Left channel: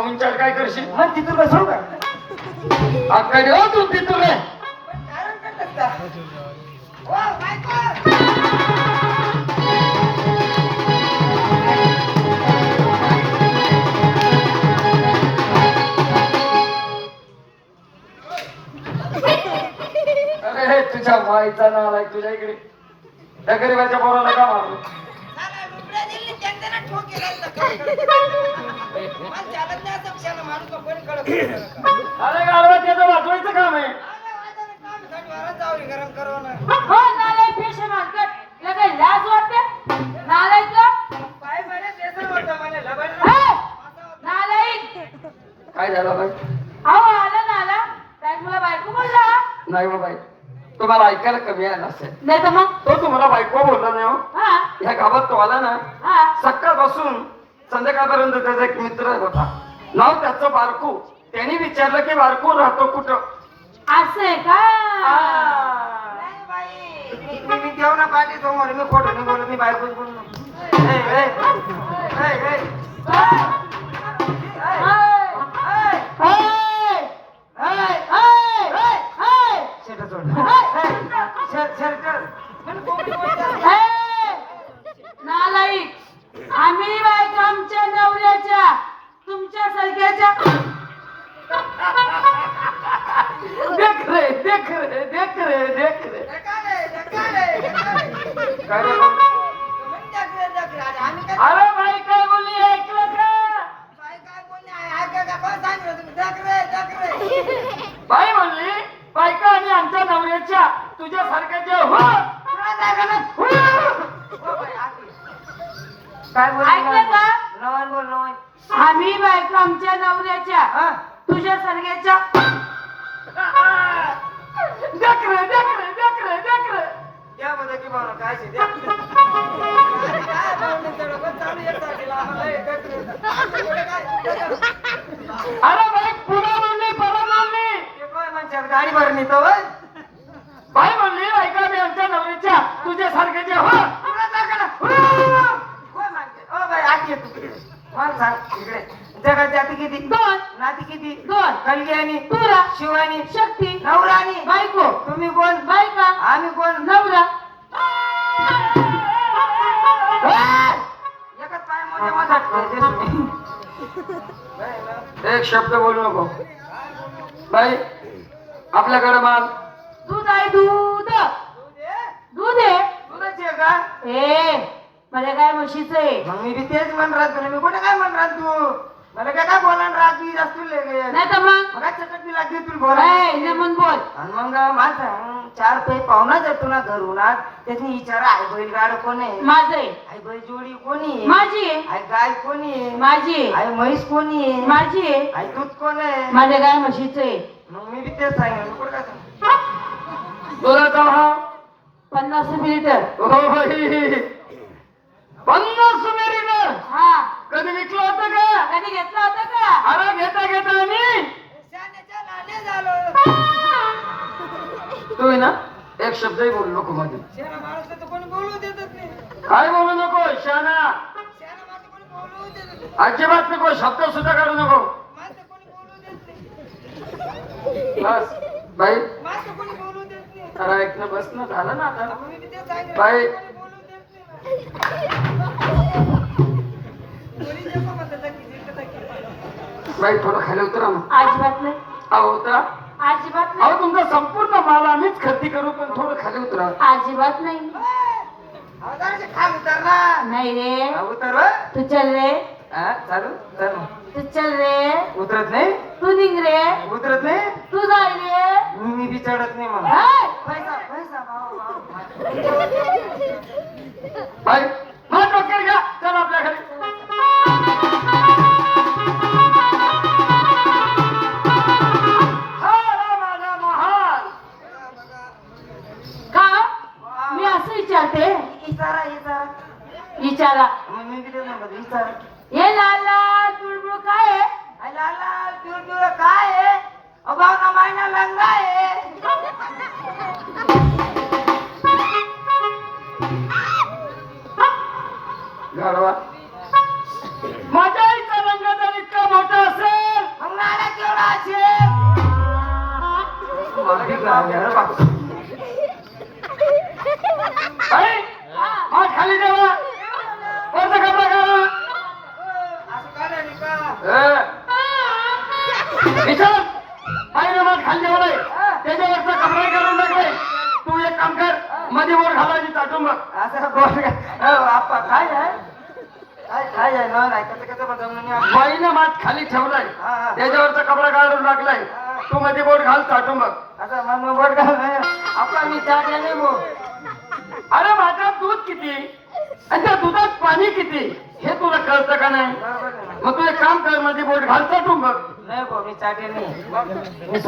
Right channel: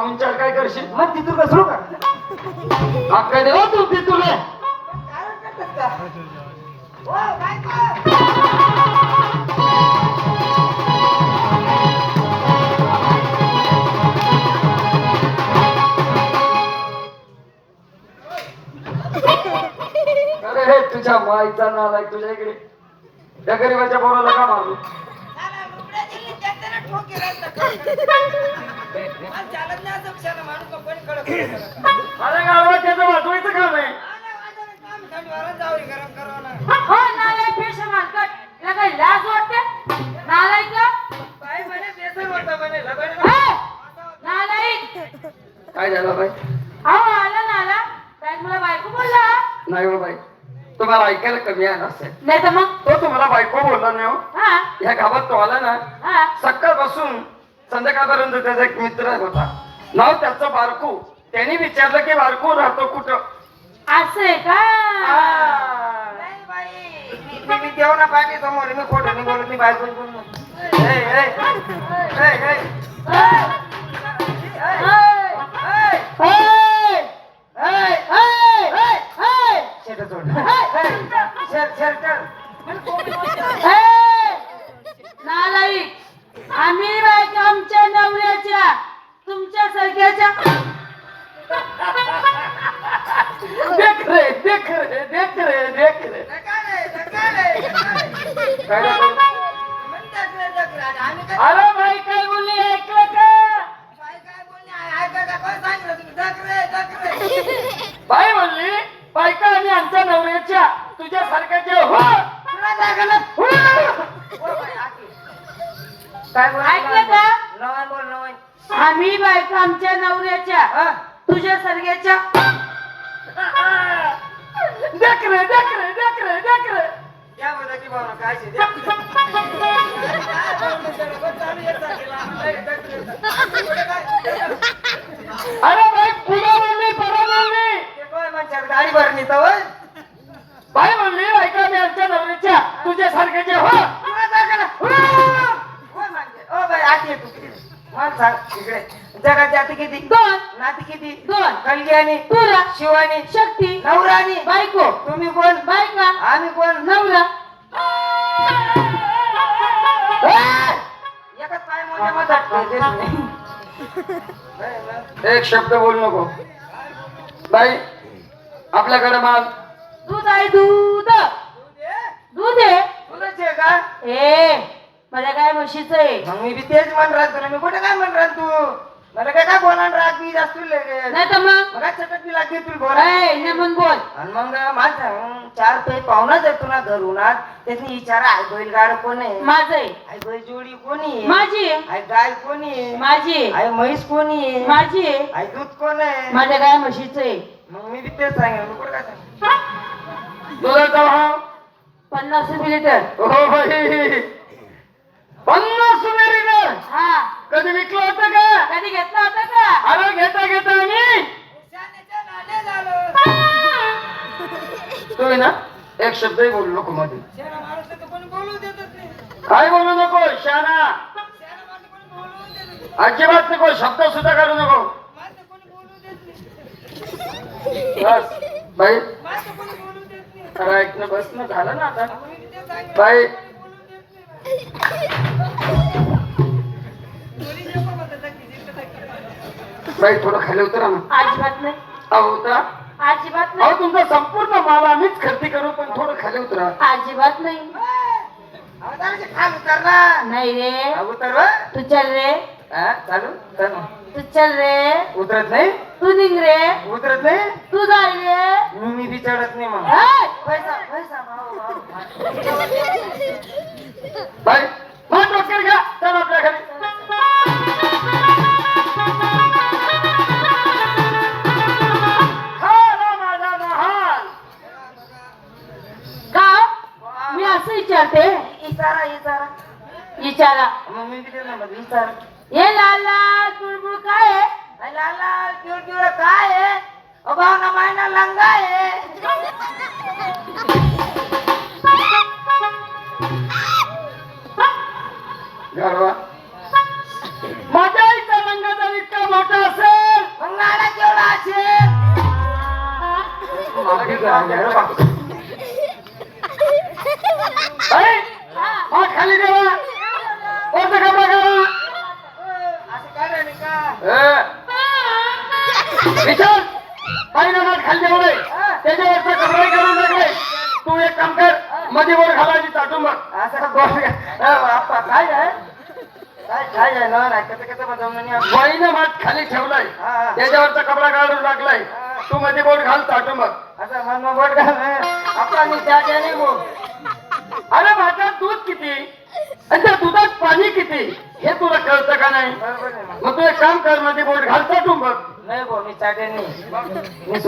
पाहुणचार काय करशील? मग तिथून बसू का? आकडे हो तू तिथून ये. ओ बायको अरे हे तुझ्या माईचा नाव आहे तुझ्या इकडे. त्या गरीबाच्या पोराला का मारलं? अरे गावात त्याचं वाचवायचं काम आहे. गरम करू ना हो नालायक पेशा मानकट तुला काही लाज वाटते नालायक बाय म्हणे बेसन होतं म्हणे लबाड हे, नालायक काय झालं बाई? अहो आला ना आला काय तुला बायको बोलला नाही हो बाई, तुम्हाला ऐकायला कमी आलं असेल. नाही तर मग तो तुम्हाला बायको बोलला नाही हो. हा या गावात तो आला ना, हा सकाळपासून संध्याकाळपर्यंत त्याचा एक मित्र होता, नाव त्याचं बारकू. त्यांनी विचारलं की बारकू राहतो कुठं? असं आहे का नाही बाई मी देव ना पाठी समोर मी खोटं नाही बोलत मी बायको बोललो नालायक आम्ही बायको आमच्या नवऱ्याच्या तुमच्या सारख्याच्या देख रे देख रे देख रे देख रे. काय रे? अरे बाई काय बोलली ऐकलं का? बाई म्हणली बायका आम्ही आमच्या नवऱ्याच्या तुझ्या सारख्याच्या हो. ऐकलं का? बोल आम्ही बायको आमच्या नवऱ्याच्या तुझ्या सारख्याच्या देख रे देख रे देख रे देख रे. द्या बरं की भावना काय शे, द्या. काय भावना सडक चालू एक तारखेला आम्हाला एक अरे बाई पुन्हा बोलली परत बोलली. ते काय म्हणतात गाडी भरणी तर होय? बाई म्हणली बायका आम्ही आमच्या नवऱ्याच्या तुझ्या सारख्याच्या हो. तुला जागा ना. होय म्हणते. ओ बाई आती तू मला सांग इकडे जगात जाती किती? दोन नाती किती? दोन कलग्यानी तुला शिवानी शक्ती नवरानी बायको तुम्ही कोण? बायका आम्ही कोण? नवरा एकच पाय मोठ्या मधात एक शब्द बोलू नको. बाई आपल्याकडे माल दूध आहे दूध दूध आहे तुलाच आहे का? ए मला काय म्हशीच आहे मग मी बी तेच म्हण राहत तुला मी कुठे काय म्हण राहत तू मला काय काय बोलायला राग बी जास्त नाही तर मग मग चटक बी लागते तुला बोला ए, नमन बोल आणि मग माझं चार पे पाहुणाच आहे तुला घरून त्याची विचारा आई बैलगाड कोण आहे? माझं आहे आई बैल जोडी कोणी आहे? माझी आहे आई गाय कोणी आहे? माझी आहे आई म्हैस कोणी आहे? माझी आहे आई दूध कोण आहे? माझ्या काय म्हशीच आहे मग मी बी तेच सांगेन मी कुठे काय सांग दुधाचा भाव 50 लिटर हो. 50 मिनिटं हा कधी विकलं होतं का? कधी घेतला होता का अरे घेता घेता मी तू ना एक शब्दही बोलू नको मध्ये. माणूस तर कोणी बोलू देतच नाही काय बोलू नको शाना. माणसं कोणी बोलू देत नाही अजिबात नको शब्द सुद्धा काढू नको. माणसं कोणी बोलू देत नाही बस बाई माणसं कोणी बोलू देत नाही खरं ऐकणं बसणं झालं ना आता. मग मी तेच सांगेन बाई कोणी बोलू देत नाही कोणी नको म्हणतात की बाई थोडं खाली उतरा ना. अजिबात नाही अहो उतरा. अजिबात अहो नाही तुमचा संपूर्ण माल आम्हीच खरेदी करू पण थोडं खाली उतरा. अजिबात नाही खाल उतर ना नाही रे उतर तू चल रे चालू चल तू चल रे उतरत नाही तू निघ रे उतरत नाही तू जाय रे मी बी चढत नाही मग हे? पैसा पैसा भाऊ भाऊ बाई मग डॉक्टर घ्या चला आपल्या घरी. माझा महाल का मी असं विचारते इचारा इचारा विचारा मग मी बी त्याला म्हणलं इचारा हे लाल लाल तुळबुळ काय आहे लाल लाल पिवळ पिवळ काय आहे भावना मायना लंगा आहे घरवा माझ्या आईचा रंग जर इतका मोठा असेल माफी घ्या रे बाप. अरे माठ खाली देवा वरचा कपडा काढा. असं काय रे का? विचार काही ना माठ खाली देवा नाही त्याच्यावरचा कपडा काढून टाकले. तू एक काम कर मध्ये वर घालायची चाटून बघ. असं बोल आपा काय आहे काय आहे ना कसं बनवलं बाईनं माठ खाली ठेवलाय हा. त्याच्यावरचा कपडा काढून टाकलाय. तू मध्ये बोट घाल चाटून बघ. असं मन बोट घाल आपला मी चहा द्या नाही भाऊ. अरे माझ्या दूध किती आणि त्या दुधात पाणी किती हे तुला कळतं का नाही? बरोबर आहे. मग तू एक काम कर मध्ये बोट घाल चाटून बघ. नाही भाऊ मी चहा द्या नाही मी